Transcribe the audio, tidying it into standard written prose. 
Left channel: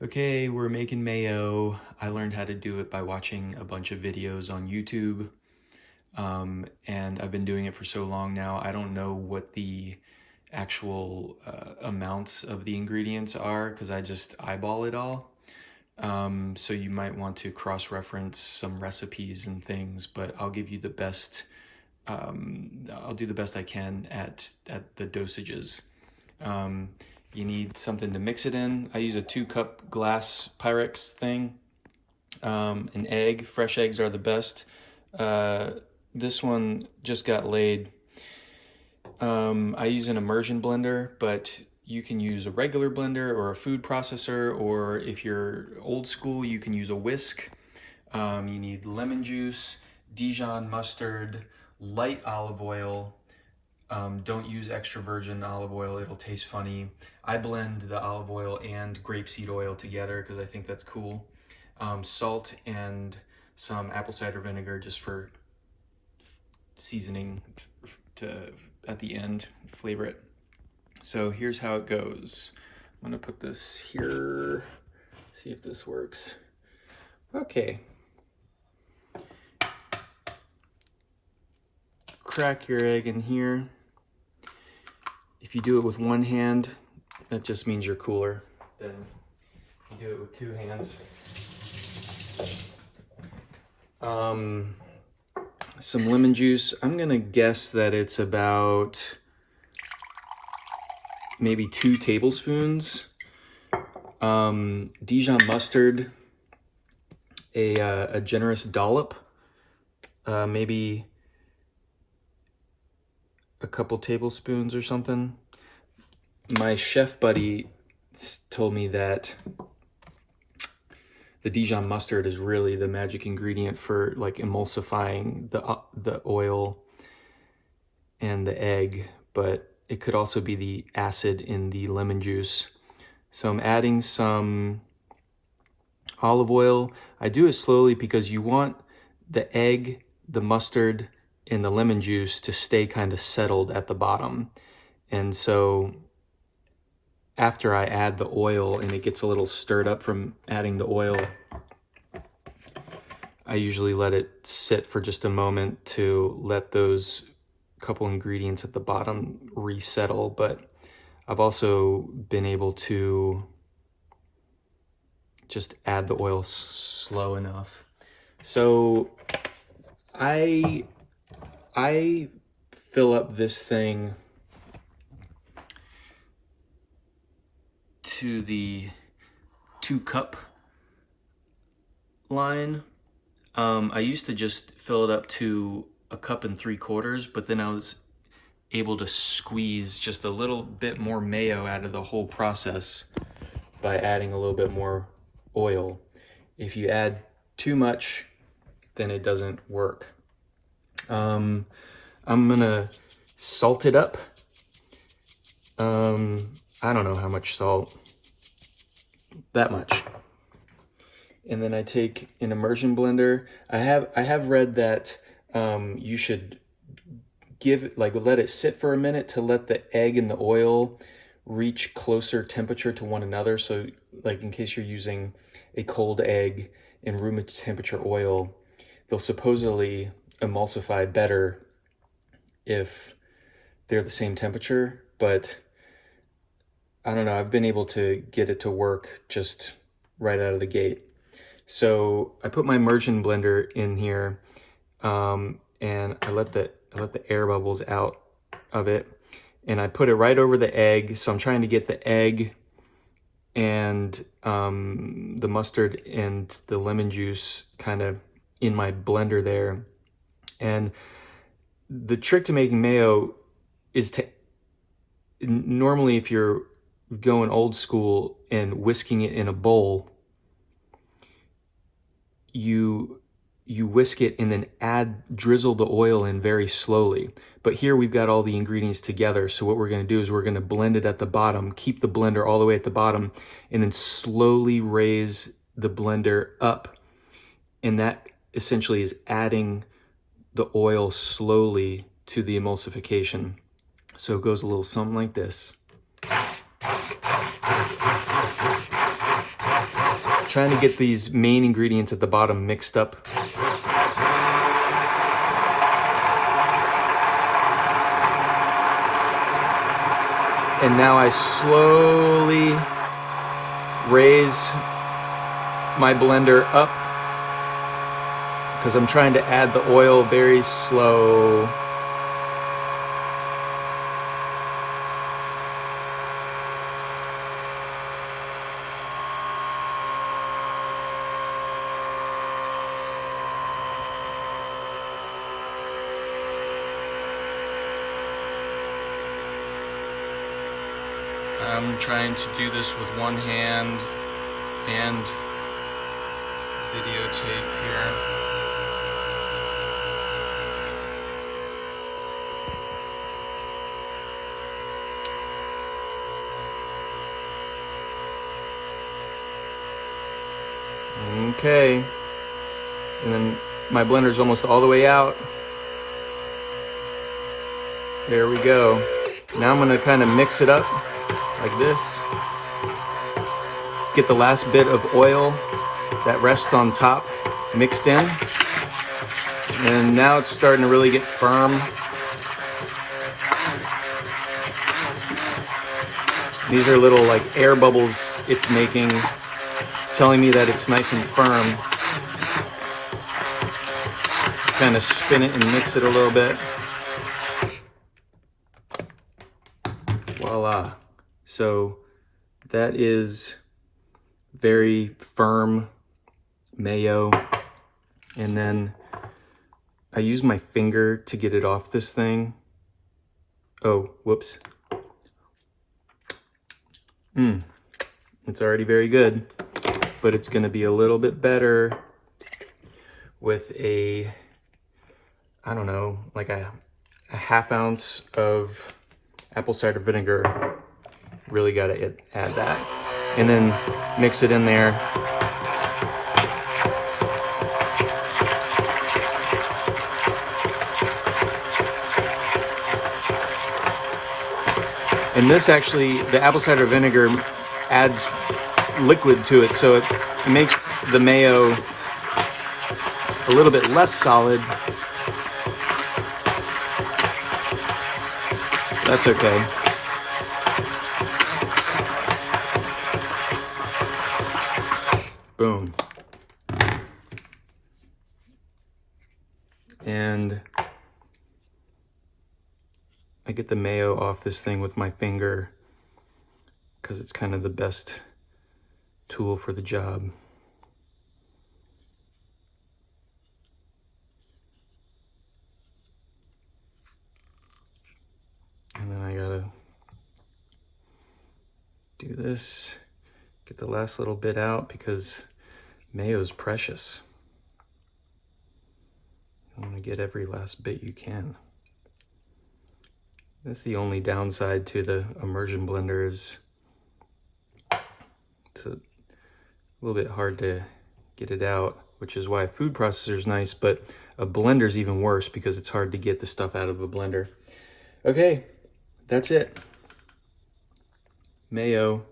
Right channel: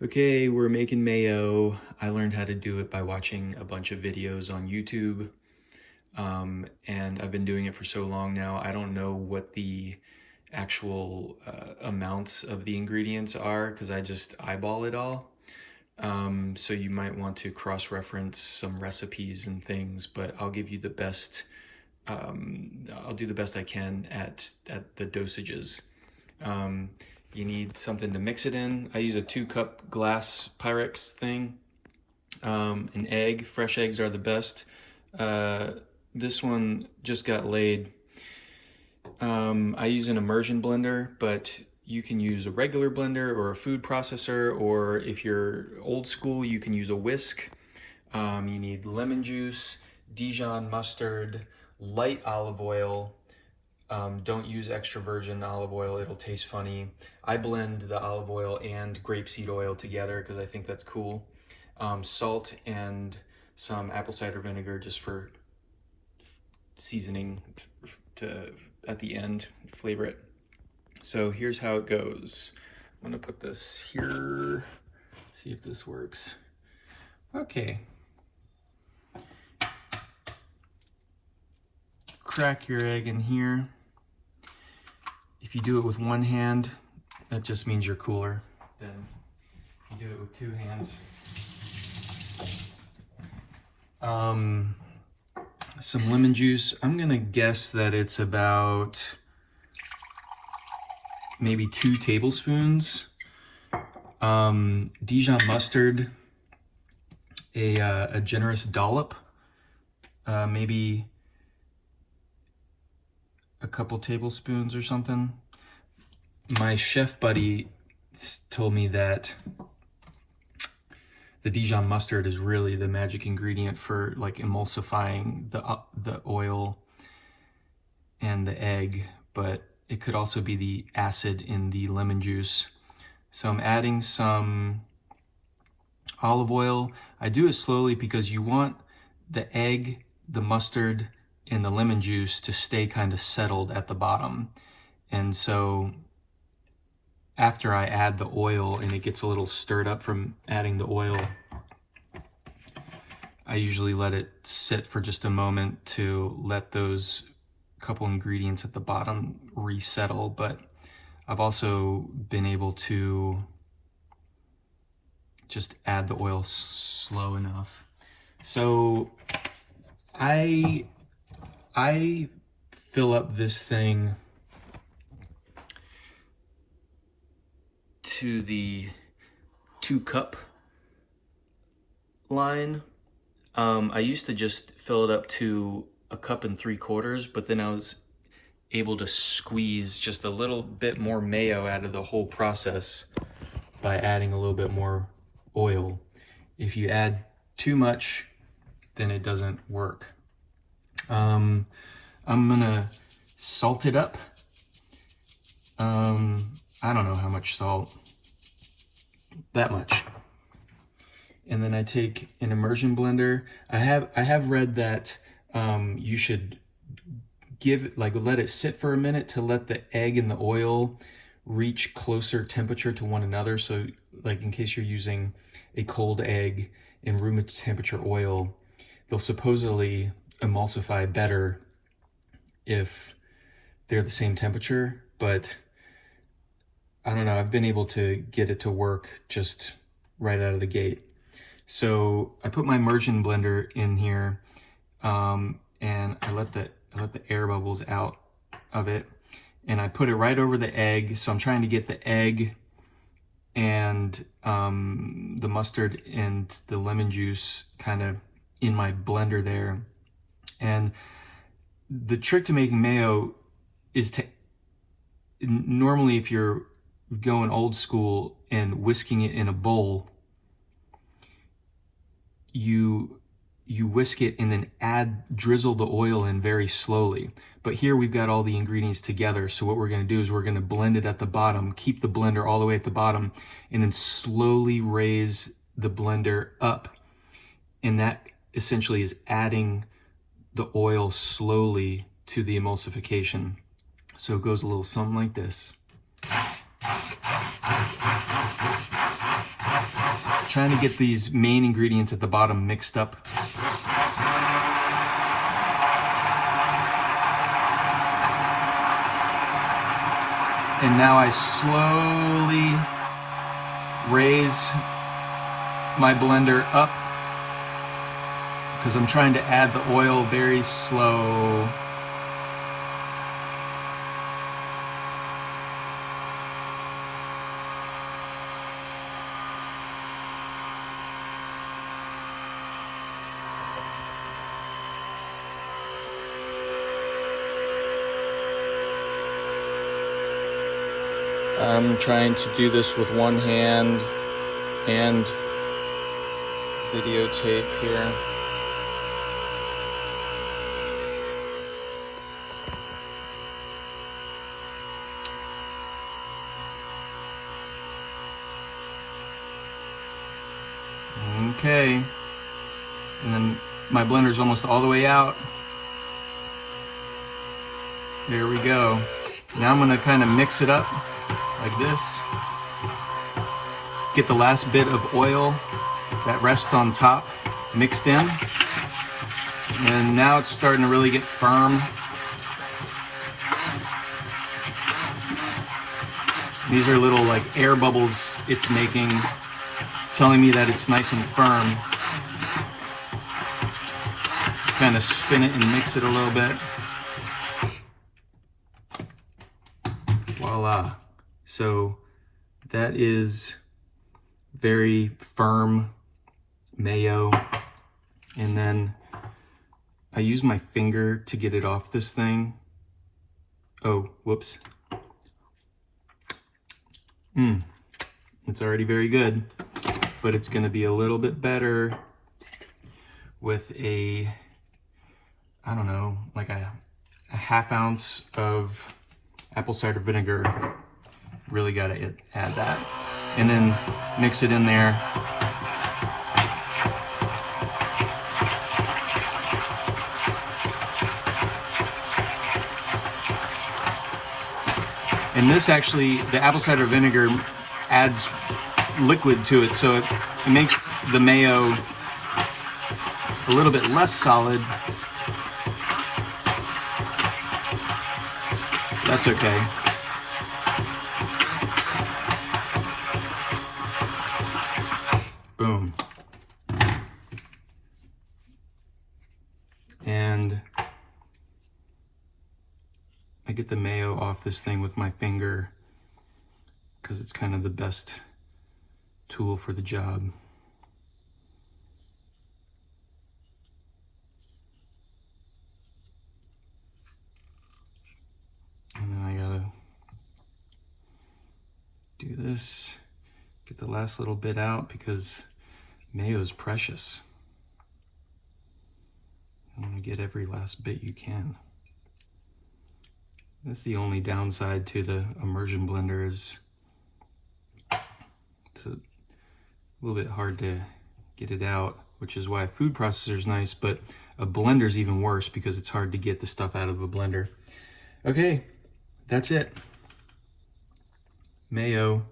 Okay, we're making mayo. I learned how to do it by watching a bunch of videos on YouTube. And I've been doing it for so long now, I don't know what the actual amounts of the ingredients are because I just eyeball it all. So you might want to cross-reference some recipes and things, but I'll give you the best, I'll do the best I can at the dosages. You need something to mix it in. I use a 2-cup glass Pyrex thing. An egg, fresh eggs are the best. This one just got laid. I use an immersion blender, but you can use a regular blender or a food processor, or if you're old school, you can use a whisk. You need lemon juice, Dijon mustard, light olive oil. Don't use extra virgin olive oil, it'll taste funny. I blend the olive oil and grapeseed oil together because I think that's cool. Salt and some apple cider vinegar just for seasoning at the end, flavor it. So here's how it goes. I'm gonna put this here, see if this works. Okay. Crack your egg in here. If you do it with one hand, that just means you're cooler than if you do it with 2 hands. Some lemon juice. I'm gonna guess that it's about maybe 2 tablespoons. Dijon mustard, a generous dollop, maybe a couple tablespoons or something. My chef buddy told me that the Dijon mustard is really the magic ingredient for like emulsifying the oil and the egg, but it could also be the acid in the lemon juice. So I'm adding some olive oil. I do it slowly because you want the egg, the mustard, and the lemon juice to stay kind of settled at the bottom. And so after I add the oil and it gets a little stirred up from adding the oil, I usually let it sit for just a moment to let those couple ingredients at the bottom resettle. But I've also been able to just add the oil slow enough. So I fill up this thing to the 2-cup line. I used to just fill it up to 1 3/4 cups, but then I was able to squeeze just a little bit more mayo out of the whole process by adding a little bit more oil. If you add too much, then it doesn't work. I'm gonna salt it up. I don't know how much salt, that much. And then I take an immersion blender. I have read that you should let it sit for a minute to let the egg and the oil reach closer temperature to one another. So like in case you're using a cold egg and room temperature oil, they'll supposedly emulsify better if they're the same temperature, but I don't know, I've been able to get it to work just right out of the gate. So I put my immersion blender in here, and I let the air bubbles out of it, and I put it right over the egg. So I'm trying to get the egg and the mustard and the lemon juice kind of in my blender there. And the trick to making mayo is to, normally if you're going old school and whisking it in a bowl, you whisk it and then drizzle the oil in very slowly. But here we've got all the ingredients together, so what we're going to do is we're going to blend it at the bottom, keep the blender all the way at the bottom, and then slowly raise the blender up, and that essentially is adding the oil slowly to the emulsification. So it goes a little something like this. trying to get these main ingredients at the bottom mixed up. And now I slowly raise my blender up because I'm trying to add the oil very slow. I'm trying to do this with one hand and videotape here. Okay, and then my blender's almost all the way out. There we go. Now I'm gonna kind of mix it up like this. Get the last bit of oil that rests on top mixed in. And now it's starting to really get firm. These are little like air bubbles it's making, telling me that it's nice and firm. Kind of spin it and mix it a little bit. Voila. So that is very firm mayo. And then I use my finger to get it off this thing. Oh, whoops. It's already very good, but it's gonna be a little bit better with a, I don't know, like a half ounce of apple cider vinegar. Really gotta add that. And then mix it in there. And this actually, the apple cider vinegar adds liquid to it, so it makes the mayo a little bit less solid. That's okay. Boom. And I get the mayo off this thing with my finger because it's kind of the best tool for the job. And then I gotta do this, get the last little bit out because mayo is precious. You want to get every last bit you can. That's the only downside to the immersion blender, is it's a little bit hard to get it out, which is why a food processor is nice, but a blender is even worse because it's hard to get the stuff out of a blender. Okay, that's it. Mayo.